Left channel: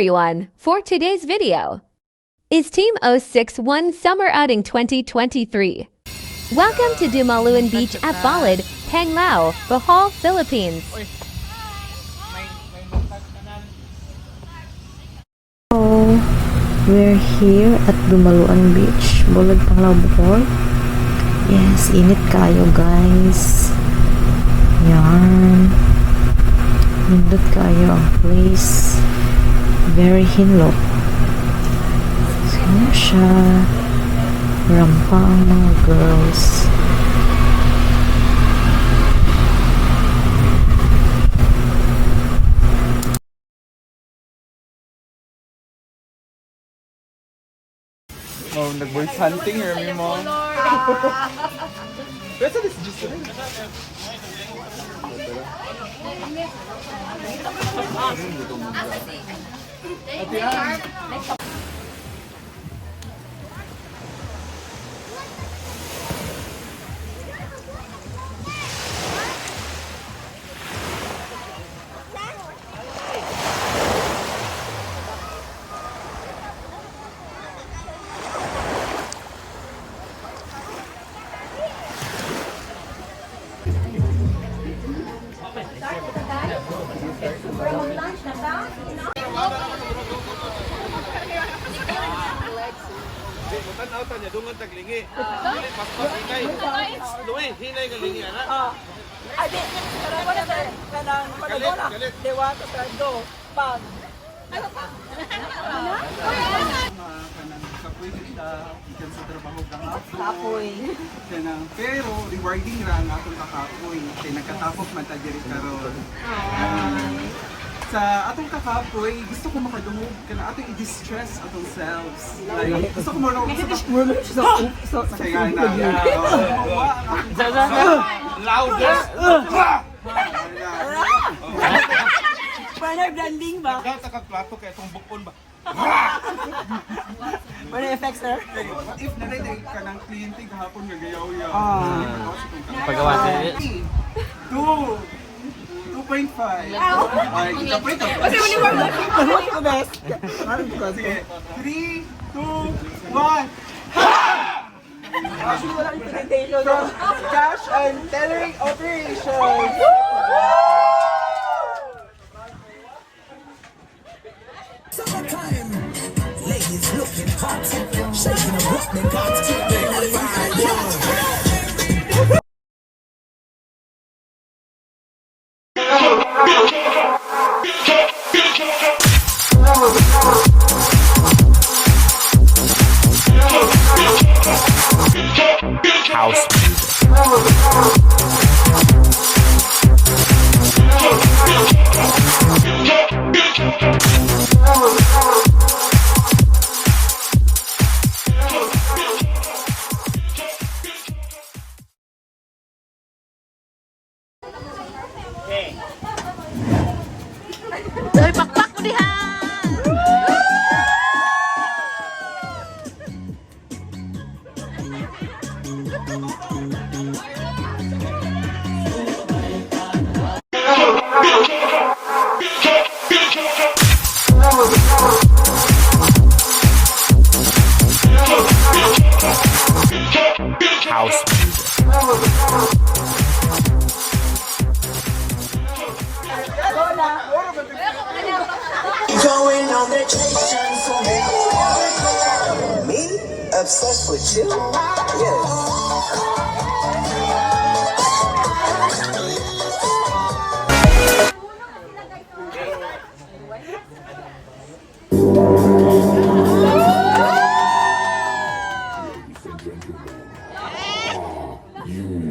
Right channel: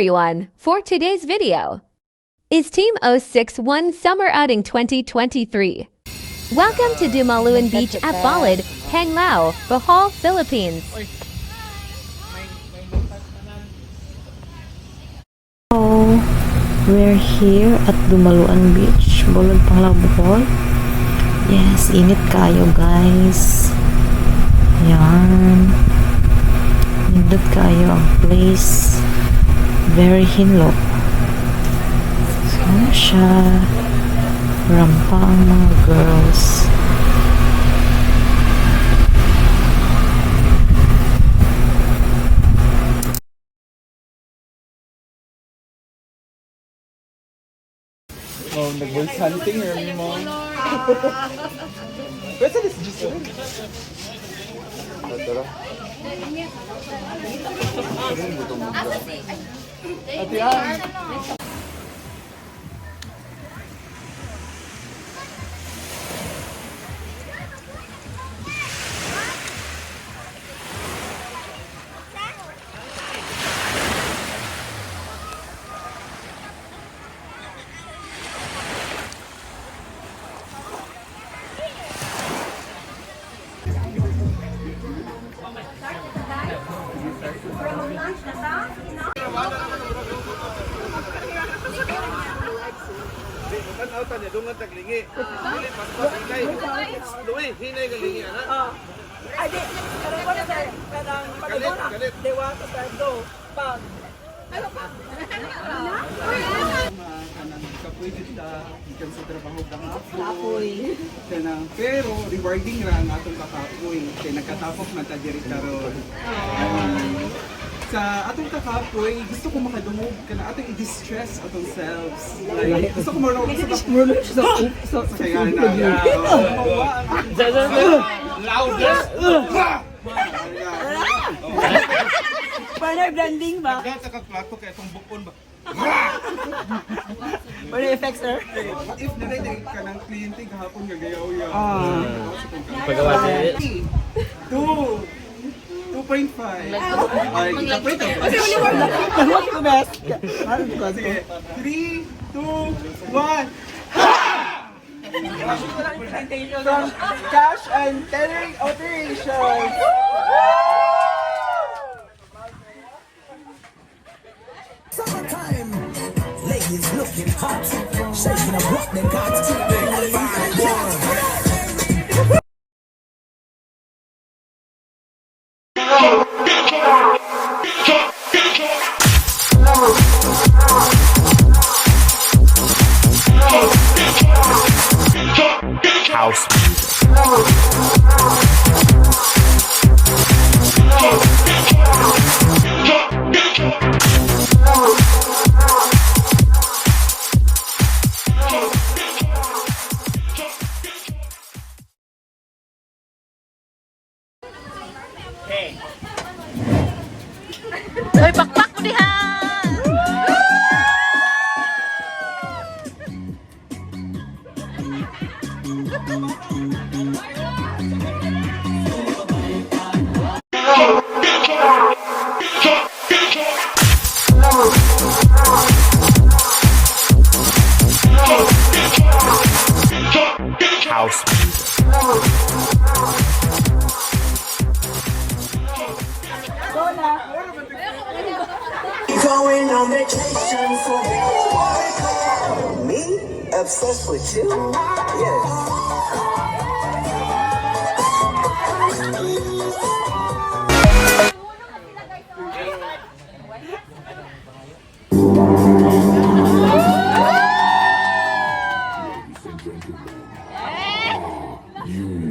everyone, for today's video is Team 061 Summer Outing 2023. Welcome to Dumaluan Beach at Balad, Panglao, Bohol, Philippines. Hello, we're here at Dumaluan Beach, Balad, Panglao, Bohol. Yes, init kayo guys. Yan. Nindot kayo ang place. Very hinlock. Sino siya? Rampa ang mga girls. Oh, nag-voice hunting here mo. Pero this is just Atian. Tanaw tanya dungan taglingi. Dili paspas hinay. Duwi hinay galingi ana. Ay di, pero ko na sir, kanang panagona. Dewa to tando. Pag. Ano pa? Kanang kapwede siya ikan sa trabaho kang Kapoy. kanang pero rewarding ra ang atong kakapoy. Kay nagkatapok man ta diri karon. Sa atong kakapoy, gusto ko makadungog kana atong i-distress atong selves. Like, gusto ko marunong sa kaya na. Loudest. Paano blending ba? Daw sa plato kay itong bukon ba. Paano effects sir? What if naray ka ng kliyente gahapon gagayaw-yaw? Pagawa siya. 2.5. Ay, kita pa ito. Kasi uli mo lang. Ano best? Sige. 3, 2, 1. Cash and tellering operations. Summertime, ladies looking hot, shaking and rock them bodies to the fine boy. House music. Ay, pakpak mo diha! House music. Going on vacation, so me obsessed with you? Yes. You